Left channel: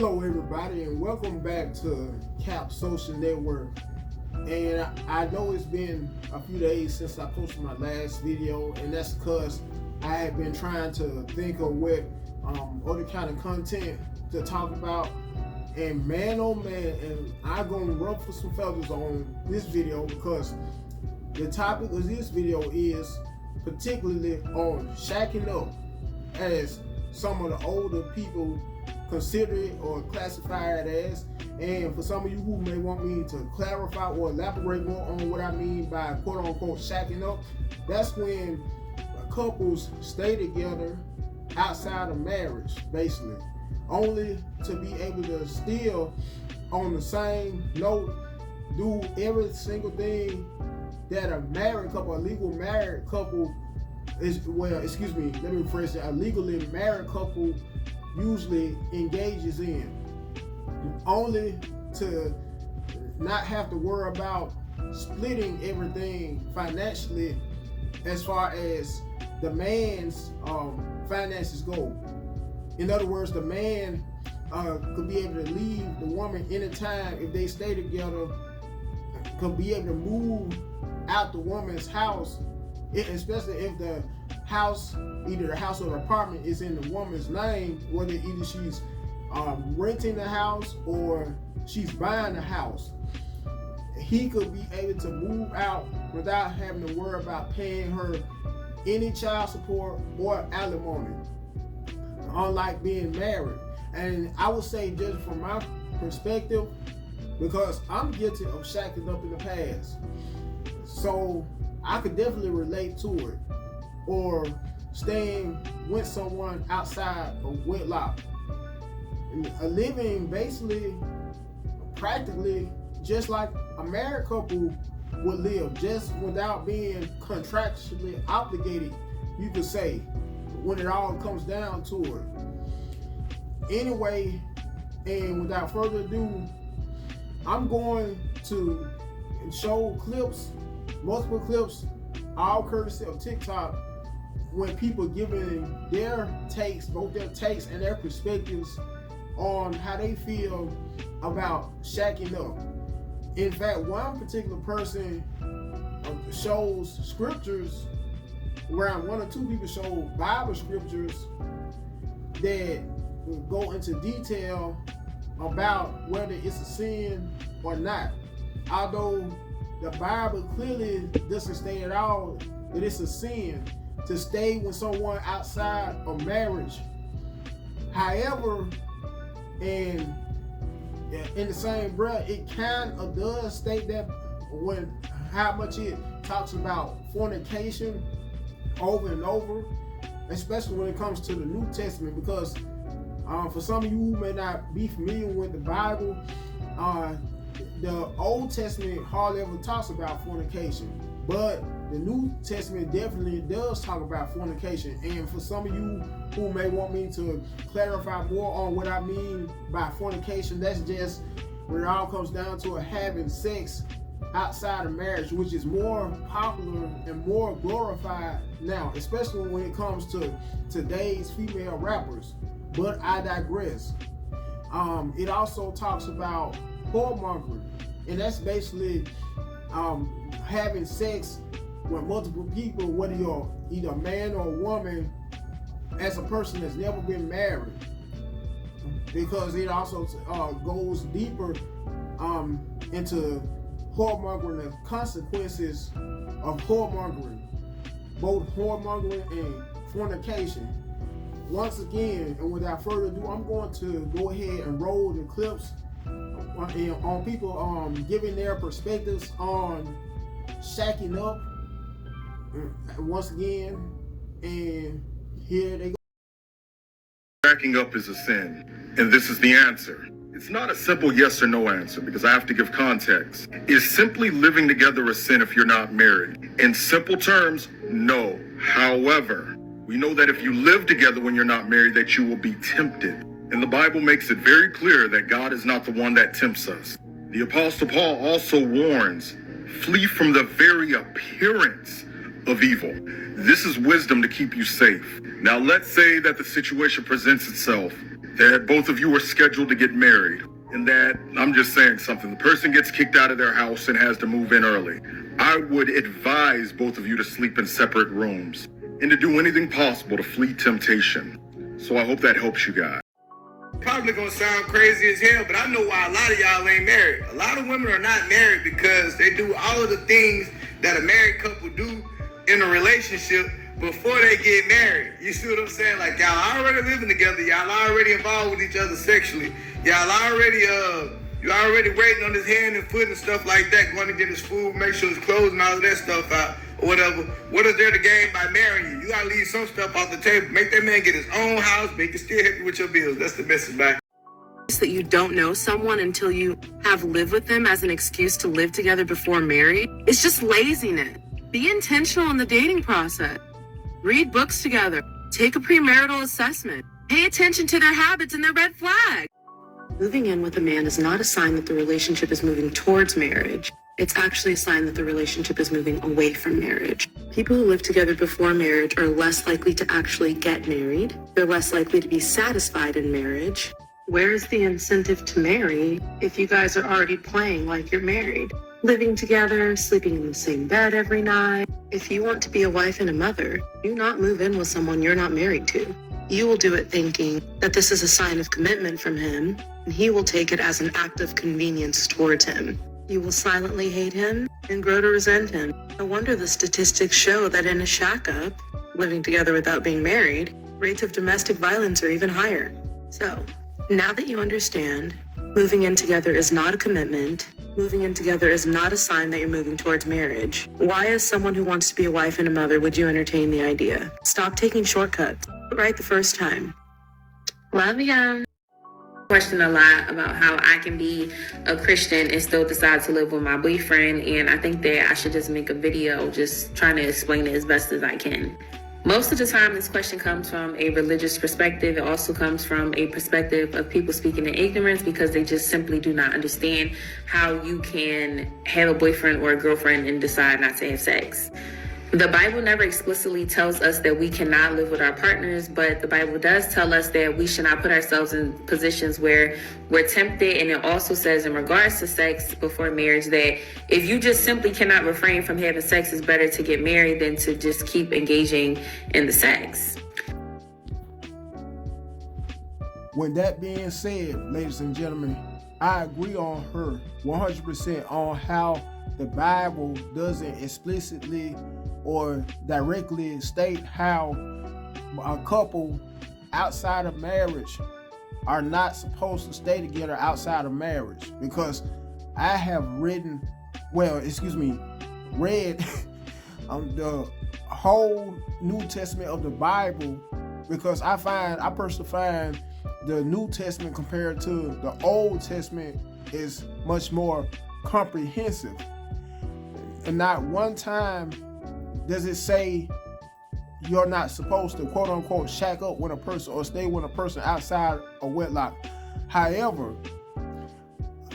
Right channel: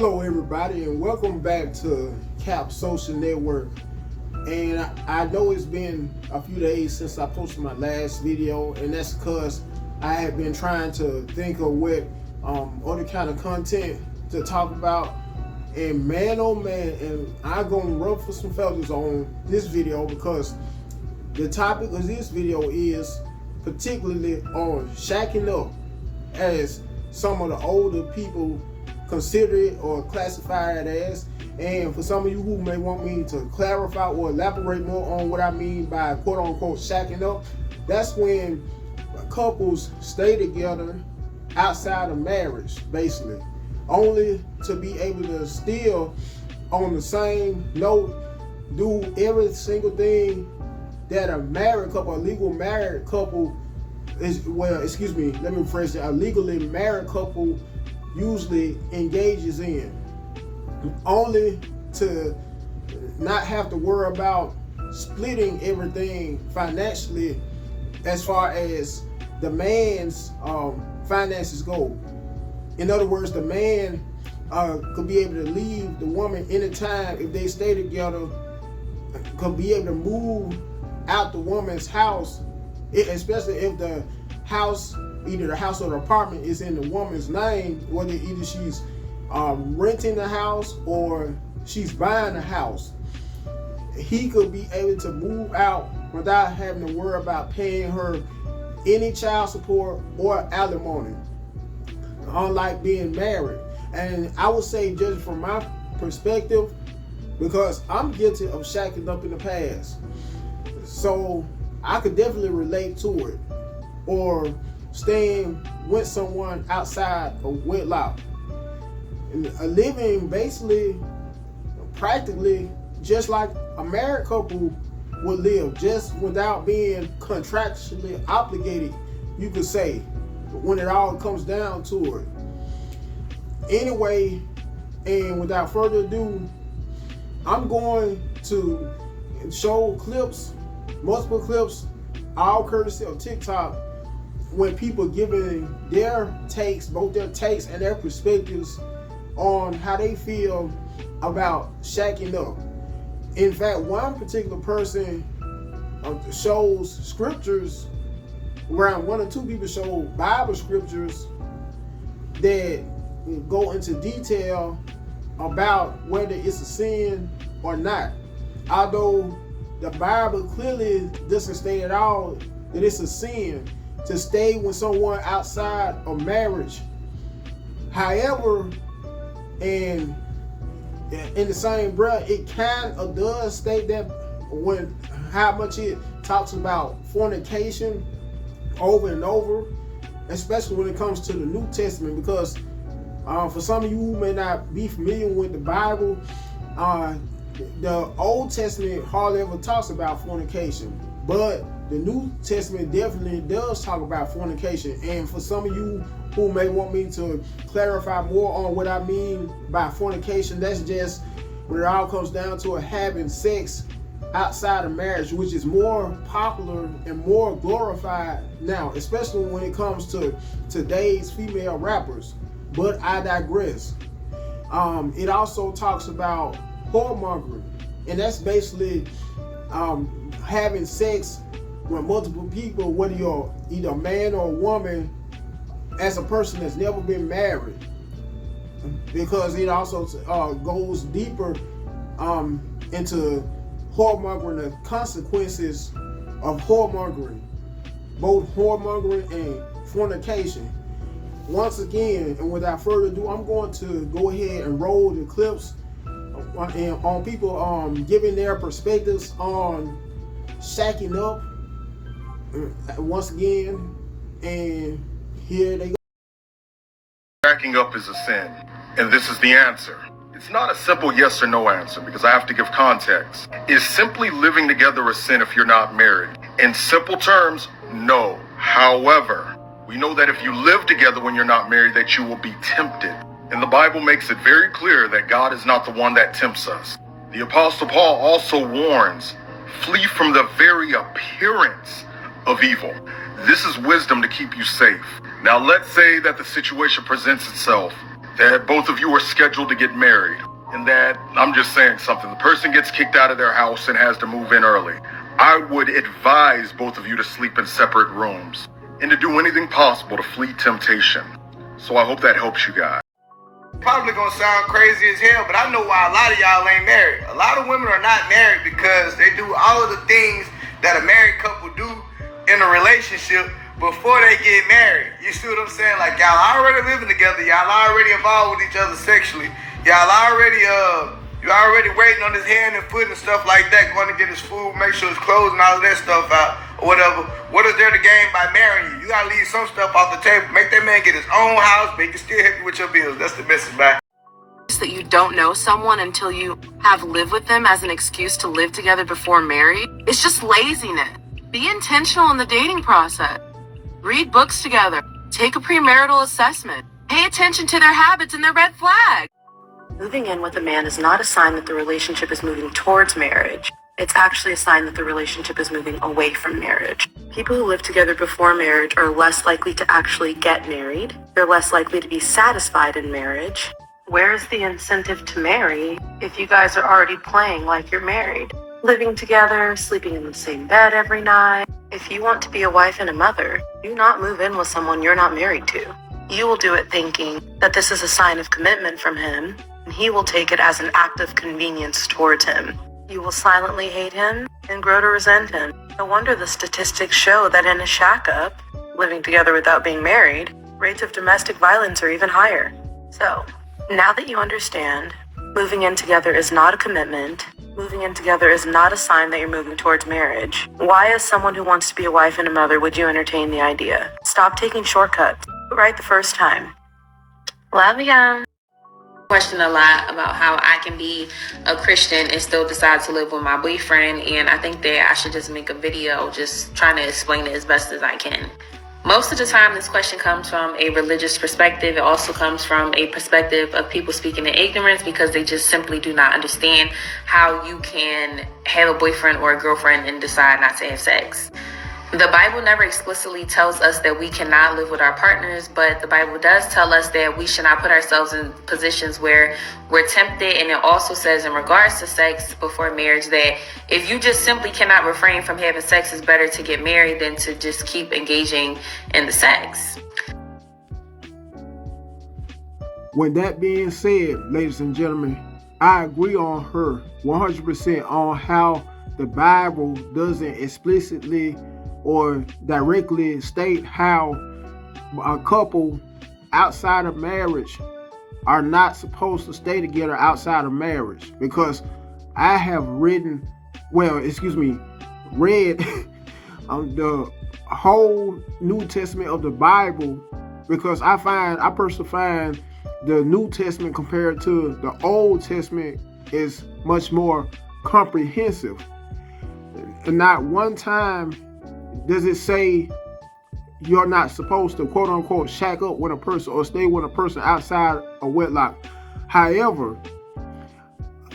Hello everybody, and welcome back to Cap Social Network. And I know it's been a few days since I posted my last video, and that's because I have been trying to think of what other kind of content to talk about. And man, oh man, and I'm gonna ruffle some feathers on this video because the topic of this video is particularly on shacking up, as some of the older people consider it or classify it as. And for some of you who may want me to clarify or elaborate more on what I mean by quote unquote shacking up, that's when couples stay together outside of marriage, basically, only to be able to still on the same note do every single thing that a married couple, a legal married couple is, well, excuse me, let me rephrase it, a legally married couple usually engages in, only to not have to worry about splitting everything financially as far as the man's finances go. In other words, the man could be able to leave the woman anytime if they stay together, could be able to move out the woman's house, especially if the house, either the house or the apartment, is in the woman's name, whether either she's renting the house or she's buying a house. He could be able to move out without having to worry about paying her any child support or alimony, unlike being married. And I would say, just from my perspective, because I'm guilty of shacking up in the past, so I could definitely relate to it, or staying with someone outside of wedlock, and living basically, practically just like a married couple would live, just without being contractually obligated, you could say, when it all comes down to it. Anyway, and without further ado, I'm going to show clips, multiple clips, all courtesy of TikTok, when people giving their takes, both their takes and their perspectives on how they feel about shacking up. In fact, one particular person shows scriptures, around one or two people show Bible scriptures that go into detail about whether it's a sin or not. Although the Bible clearly doesn't state at all that it's a sin to stay with someone outside of marriage. However, and in the same breath, it kind of does state that when how much it talks about fornication over and over, especially when it comes to the New Testament, because for some of you who may not be familiar with the Bible, the Old Testament hardly ever talks about fornication, but the New Testament definitely does talk about fornication. And for some of you who may want me to clarify more on what I mean by fornication, that's just when it all comes down to having sex outside of marriage, which is more popular and more glorified now, especially when it comes to today's female rappers. But I digress. It also talks about whoremongering, and that's basically having sex with multiple people, whether you're either a man or a woman, as a person that's never been married, because it also goes deeper into whoremongering, the consequences of whoremongering, both whoremongering and fornication. Once again, and without further ado, I'm going to go ahead and roll the clips on people giving their perspectives on shacking up once again, and here they go. Shacking up is a sin, and this is the answer. It's not a simple yes or no answer, because I have to give context. Is simply living together a sin if you're not married? In simple terms, no. However, we know that if you live together when you're not married, that you will be tempted. And the Bible makes it very clear that God is not the one that tempts us. The Apostle Paul also warns, flee from the very appearance of evil. This is wisdom to keep you safe. Now, let's say that the situation presents itself that both of you are scheduled to get married, and that, I'm just saying something, the person gets kicked out of their house and has to move in early, I would advise both of you to sleep in separate rooms and to do anything possible to flee temptation. So I hope that helps you guys. Probably gonna sound crazy as hell, but I know why a lot of y'all ain't married. A lot of women are not married because they do all of the things that a married couple do in a relationship before they get married. You see what I'm saying? Like, y'all already living together, y'all already involved with each other sexually, y'all already you already waiting on his hand and foot and stuff like that, going to get his food, make sure his clothes and all of that stuff out, or whatever. What is there to gain by marrying you? You gotta leave some stuff off the table. Make that man get his own house, make you still happy with your bills. That's the message, man. That you don't know someone until you have lived with them as an excuse to live together before married. It's just laziness. Be intentional in the dating process. Read books together. Take a premarital assessment. Pay attention to their habits and their red flags. Moving in with a man is not a sign that the relationship is moving towards marriage. It's actually a sign that the relationship is moving away from marriage. People who live together before marriage are less likely to actually get married. They're less likely to be satisfied in marriage. Where's the incentive to marry if you guys are already playing like you're married? Living together, sleeping in the same bed every night. If you want to be a wife and a mother, do not move in with someone you're not married to. You will do it thinking that this is a sign of commitment from him, and he will take it as an act of convenience towards him. You will silently hate him and grow to resent him. No wonder the statistics show that in a shack-up, living together without being married, rates of domestic violence are even higher. So, now that you understand, moving in together is not a commitment, moving in together is not a sign that you're moving towards marriage. Why, as someone who wants to be a wife and a mother, would you entertain the idea? Stop taking shortcuts. Right the first time. Love ya. Question a lot about how I can be a Christian and still decide to live with my boyfriend, and I think that I should just make a video just trying to explain it as best as I can. Most of the time, this question comes from a religious perspective. It also comes from a perspective of people speaking in ignorance because they just simply do not understand how you can have a boyfriend or a girlfriend and decide not to have sex. The Bible never explicitly tells us that we cannot live with our partners, but the Bible does tell us that we should not put ourselves in positions where we're tempted. And it also says in regards to sex before marriage that if you just simply cannot refrain from having sex, it's better to get married than to just keep engaging in the sex. With that being said, ladies and gentlemen, I agree on her 100% on how the Bible doesn't explicitly or directly state how a couple outside of marriage are not supposed to stay together outside of marriage. Because I have read the whole New Testament of the Bible, because I personally find the New Testament compared to the Old Testament is much more comprehensive. And not one time does it say you're not supposed to, quote unquote, shack up with a person or stay with a person outside of wedlock. However,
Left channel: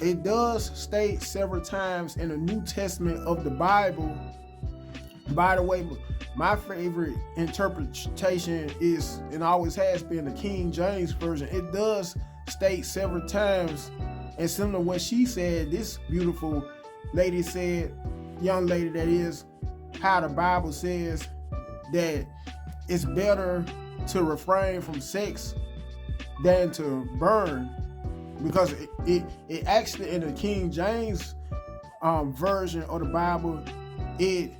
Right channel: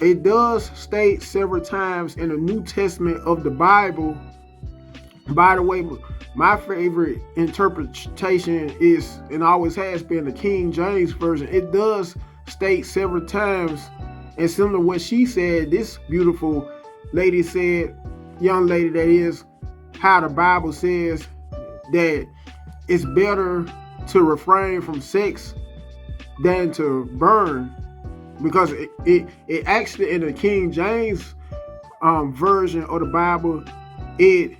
it does state several times in the New Testament of the Bible. By the way, my favorite interpretation is, and always has been, the King James Version. It does state several times, and similar to what she said, this beautiful lady said, young lady that is, how the Bible says that it's better to refrain from sex than to burn, because it actually, in the King James version of the Bible, it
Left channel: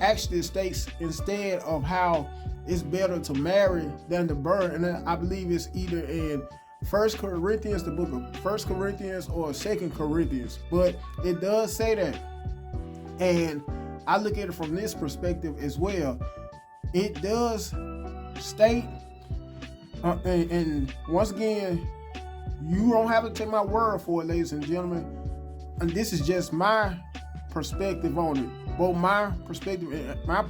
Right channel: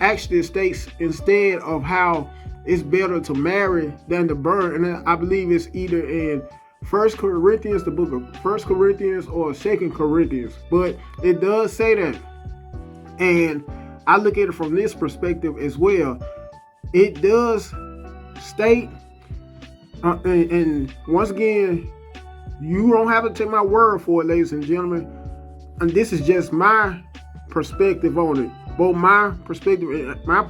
actually states instead of how it's better to marry than to burn. And I believe it's either in 1 Corinthians, the book of 1 Corinthians, or 2 Corinthians, but it does say that. And I look at it from this perspective as well. It does state, and once again, you don't have to take my word for it, ladies and gentlemen. And this is just my perspective on it, both my perspective and my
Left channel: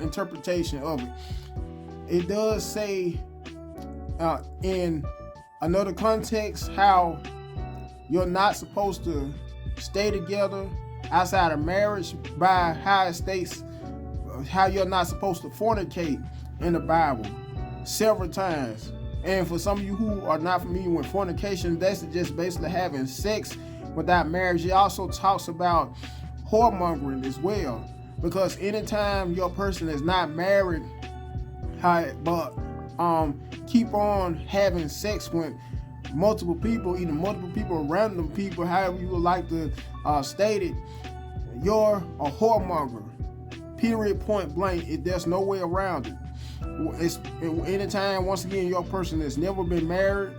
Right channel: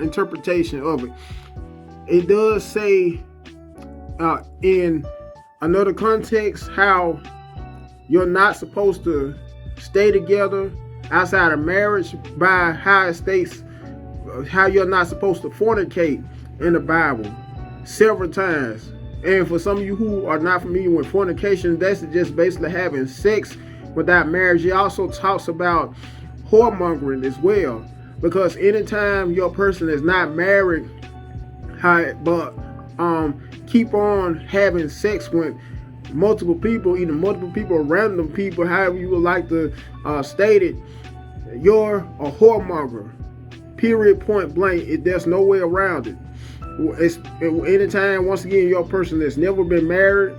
interpretation of it. It does say in another context how you're not supposed to stay together outside of marriage, by how it states how you're not supposed to fornicate in the Bible several times. And for some of you who are not familiar with fornication, that's just basically having sex without marriage. It also talks about whoremongering as well, because anytime your person is not married, but keep on having sex with multiple people, either multiple people or random people, however you would like to state it, you're a whoremonger. Period, point blank. There's no way around it. Anytime, once again, your person that's never been married,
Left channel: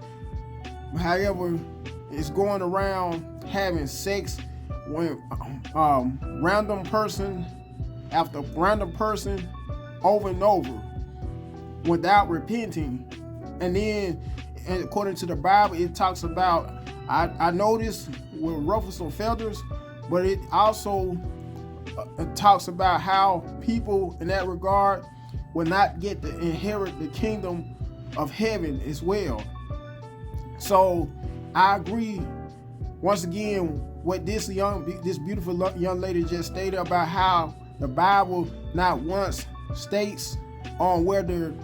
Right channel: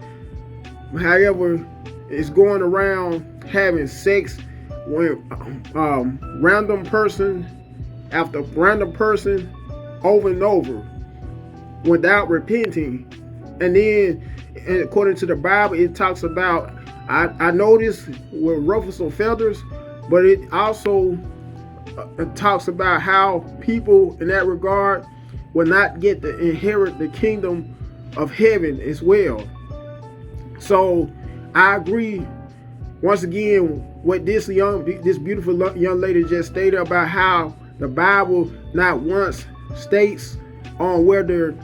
however, is going around having sex with random person after random person over and over without repenting. And then, according to the Bible, it talks about, I noticed with ruffles or feathers, but it also talks about how people in that regard will not get to inherit the kingdom of heaven as well. So I agree once again what this beautiful young lady just stated about how the Bible not once states on whether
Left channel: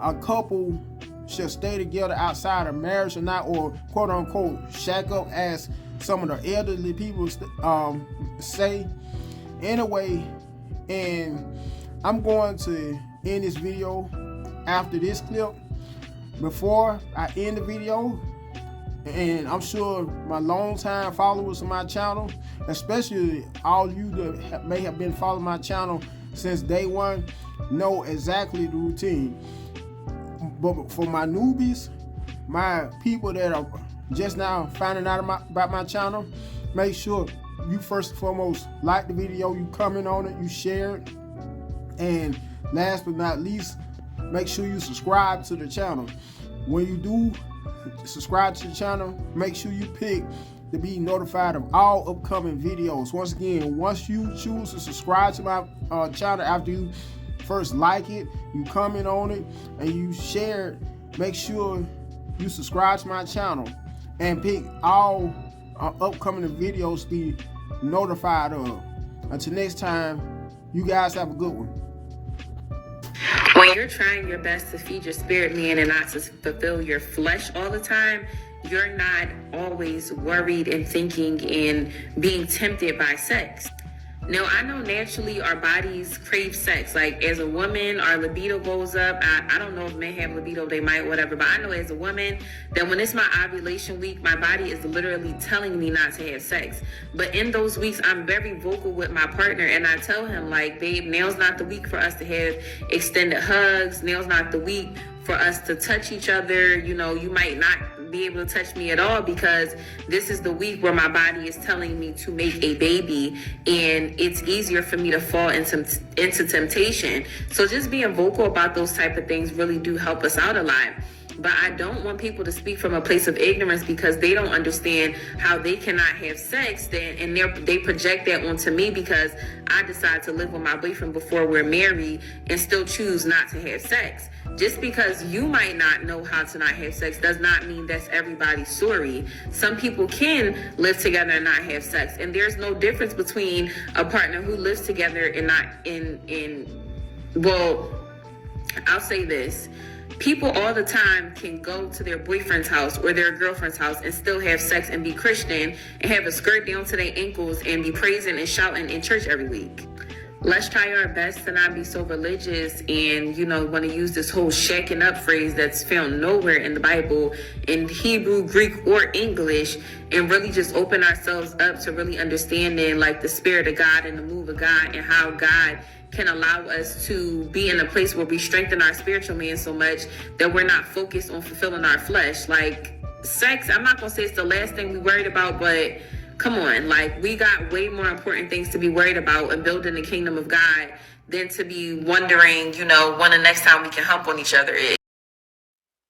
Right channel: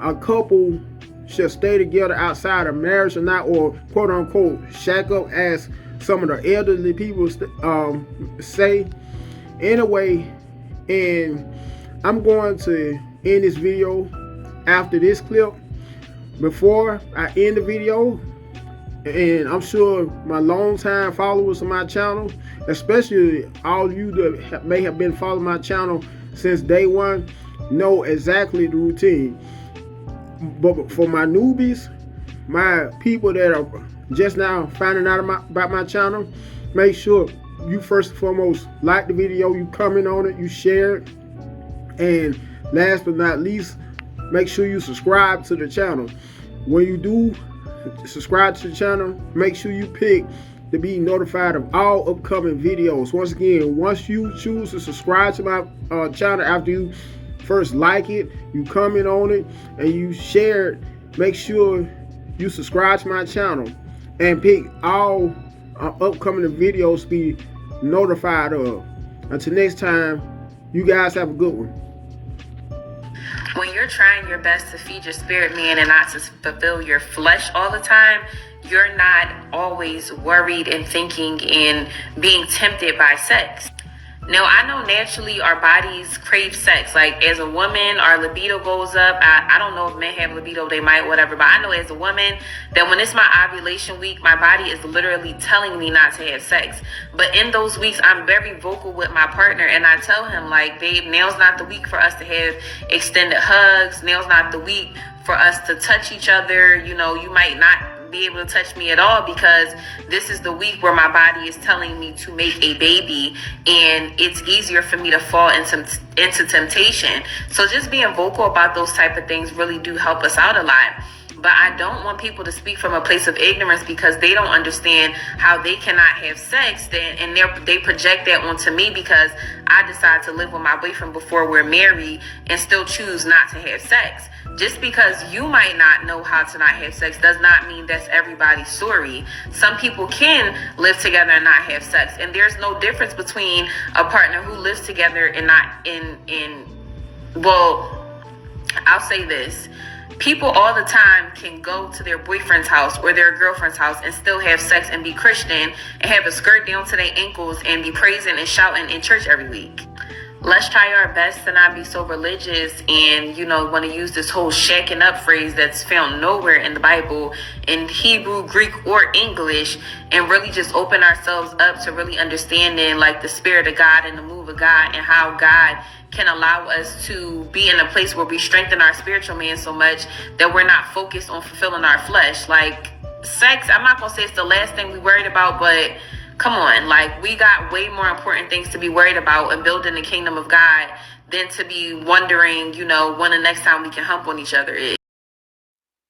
a couple should stay together outside of marriage or not, or quote unquote shack up, as some of the elderly people say. Anyway, and I'm going to end this video after this clip. Before I end the video, and I'm sure my long-time followers of my channel, especially all you that may have been following my channel since day one, know exactly the routine. But for my newbies, my people that are just now finding out about my channel, make sure you first and foremost like the video, you comment on it, you share it, and last but not least, make sure you subscribe to the channel. When you do subscribe to the channel, make sure you pick to be notified of all upcoming videos. Once again, once you choose to subscribe to my channel, after you first like it, you comment on it, and you share it, make sure you subscribe to my channel and pick all upcoming videos to be notified of. Until next time, you guys have a good one. When you're trying your best to feed your spirit man and not to fulfill your flesh all the time, you're not always worried and thinking and being tempted by sex. Now, I know naturally our bodies crave sex. Like, as a woman, our libido goes up. I don't know if men have libido, they might, whatever. But I know as a woman that when it's my ovulation week, my body is literally telling me not to have sex. But in those weeks, I'm very vocal with my partner. And I tell him, like, babe, now's not the week for us to have extended hugs. Now's not the week for us to touch each other. You know, you might not be able to touch me at all, because this is the week where my body is telling me to make a baby, and it's easier for me to fall into temptation. So just being vocal about those type of things really do help us out a lot. But I don't want people to speak from a place of ignorance, because they don't understand how they cannot have sex, and they project that onto me because I decide to live with my boyfriend before we're married and still choose not to have sex. Just because you might not know how to not have sex does not mean that's everybody's story. Some people can live together and not have sex, and there's no difference between a partner who lives together and not well, I'll say this. People all the time can go to their boyfriend's house or their girlfriend's house and still have sex and be Christian and have a skirt down to their ankles and be praising and shouting in church every week. Let's try our best to not be so religious and, want to use this whole shacking up phrase that's found nowhere in the Bible, in Hebrew, Greek, or English, and really just open ourselves up to really understanding like the spirit of God and the move of God, and how God can allow us to be in a place where we strengthen our spiritual man so much that we're not focused on fulfilling our flesh. Like, sex, I'm not gonna say it's the last thing we worried about, but come on, like, we got way more important things to be worried about in building the kingdom of God than to be wondering, when the next time we can hump on each other is.